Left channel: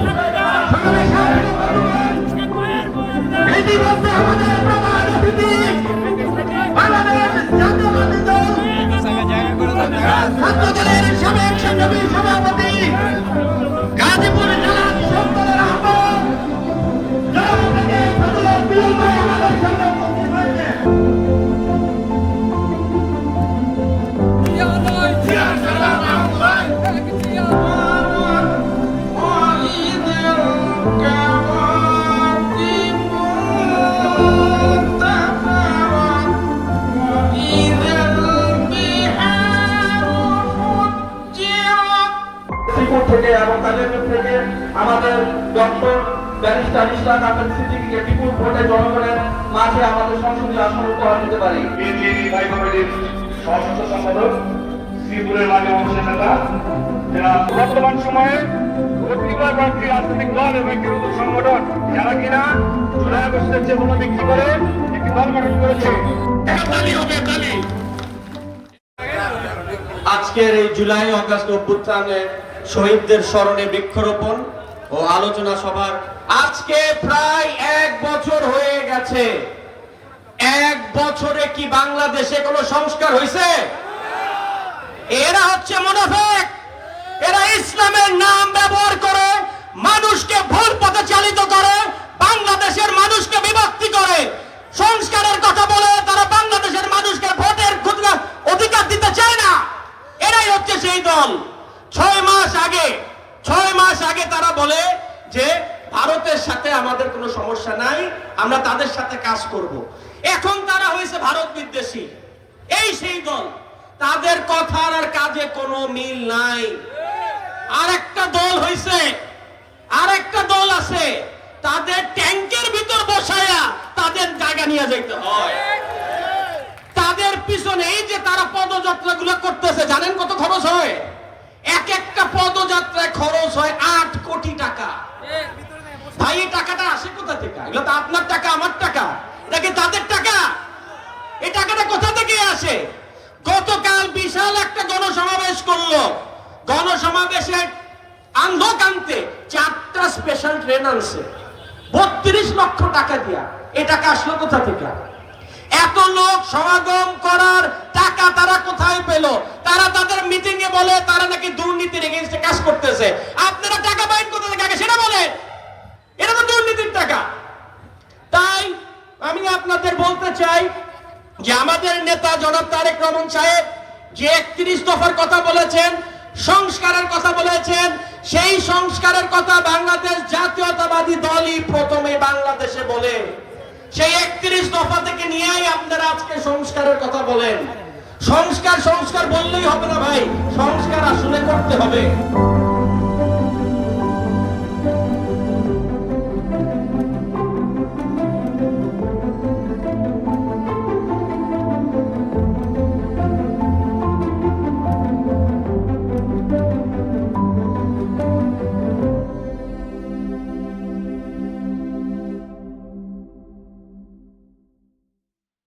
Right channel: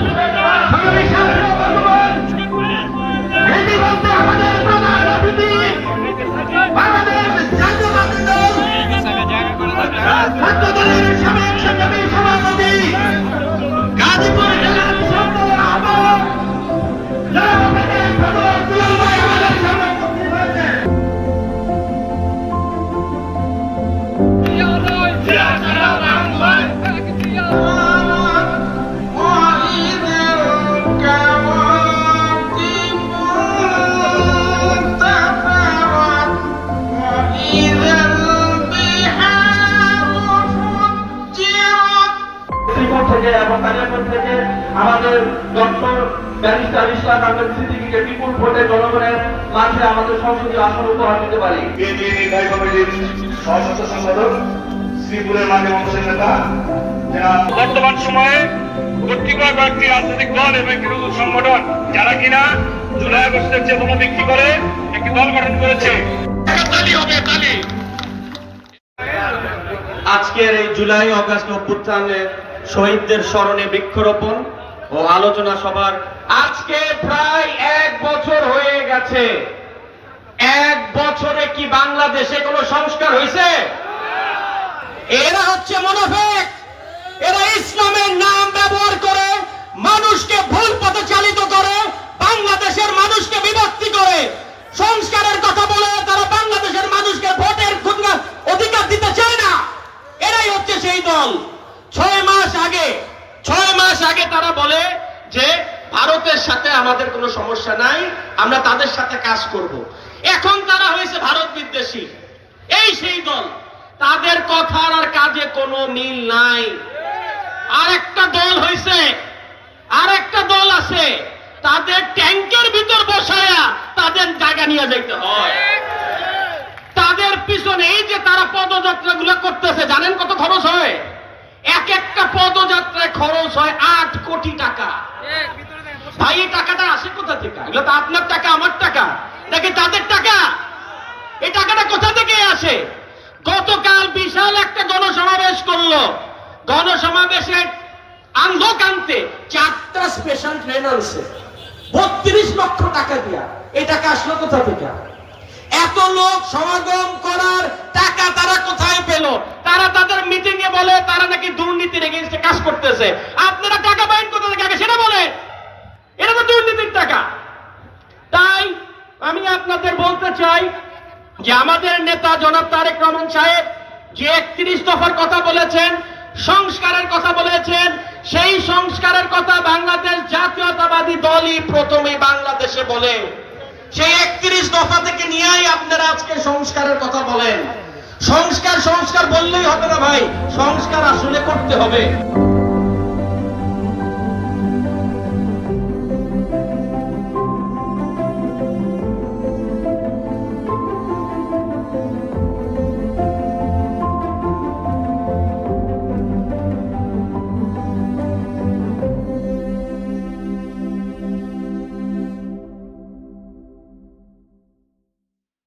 সংগ্রামী সাথী ও বন্ধুগণ, শ্রীপুর থেকে এবং কালিয়াপুর থেকে আমাদের ডক্টর ব্যারিস্টার ইসলাম আহমেদ সিদ্দিকীকে বিপুল ভোটে জনগণের মাঝে আমাদের সংসদীয় আসন উপহার দিতে পারি। সম্পাদক শ্রীপুরের মাঝে অংশের নেতা যারা বর্তমান সময়ে কর্তৃপক্ষ কয়েকটি রাজনৈতিক দল এবং সংগঠন যারা কিনা জুলাই আগস্টের চেতনা বিক্রি করে একটি দল গঠন করেছে। আজকের এই জুলাই অগাস্ট অভ্যুত্থানে শহীদদের স্মরণে বৃক্ষরোপণ ও আলোচনা সভার আজকে প্রায় এক বছর হয়ে গেছে। এক বছরে কি বাংলাদেশে কোনো সংস্কার হয়েছে এরা হচ্ছে মুনাফিক। এরা ইসলামের নাম ব্যবহার করে মানুষকে ভুল পথে চালিত করে, বাংলাদেশের মানুষকে বিভক্তি করে। সংস্কারের কথা বলে তারা বাংলাদেশের মানুষকে ভোটের অধিকার দিতে চায় না। এরাই হচ্ছে সেই দল। ছয় মাস আগে, ছয় মাস আগে তারা বলে যে ভারতের সাথে আমাদের কোনো সমস্যা নাই, আমরা তাদের সাথে কাজ করব। এখন তারা হয়েছে ভারত বিদ্বেষী। এই সেই দল। তাদের কথার আর কাজে কোনো মিল নাই। আরেকটা দল হয়েছে, আরেকটা দল আছে। তাদের ট্যাঙ্কের ভিতর বসায়া তাদের জায়গা নিয়ে যাইতে হয় তাদের পিছনে এই যে তারা পদযাত্রা গুলো করতেছে জানেন কত খরচ হয় এক একটা পদযাত্রায় খরচ হয় আট কোটি টাকা। ভাই, এই টাকাটা আসে কোথা থেকে? এগুলো তো আপনার টাকা, আমার টাকা। নাকি তাদের টাকা? এই টাকাটা কোথা থেকে আসে? গতকাল বিশাল একটা জনসমাবেশ করল। জনসমাবেশের আন্ধকান্তে চারটা স্পেশাল ট্রেন আনছে। বত্রিশ লক্ষ টাকা দিয়া। এই টাকা আসলো কোথা থেকে? এত লোক সমাগম করার টাকা তারা কোথায় পেল? তারা তাদের মিটিং এ বলে তারা নাকি দুর্নীতির এগেইনস্টে কাজ করতেছে। আপনারা টাকা বাইন কোথা থেকে? সেটা বলে এটা তো দুর্নীতির টাকা। তাই আমি আপনাদের বলতে চাই যে আমাদের নেতা জনাব তারেক রহমান সাহেব যে একত্রিশ দফার কথা বলেছেন, সংস্কারের কথা বলেছেন, সেই সংস্কারের কথা বাংলাদেশ জাতীয়তাবাদী দলই প্রথমে বাংলাদেশে বলে। সেই একত্রিশ দফা থেকে নিয়েই আপনারা আজকে সংস্কারের কথা বলেন। সংস্কার সংস্কার বললেই হবে না ভাই, সংস্কার আসলে করতে হবে।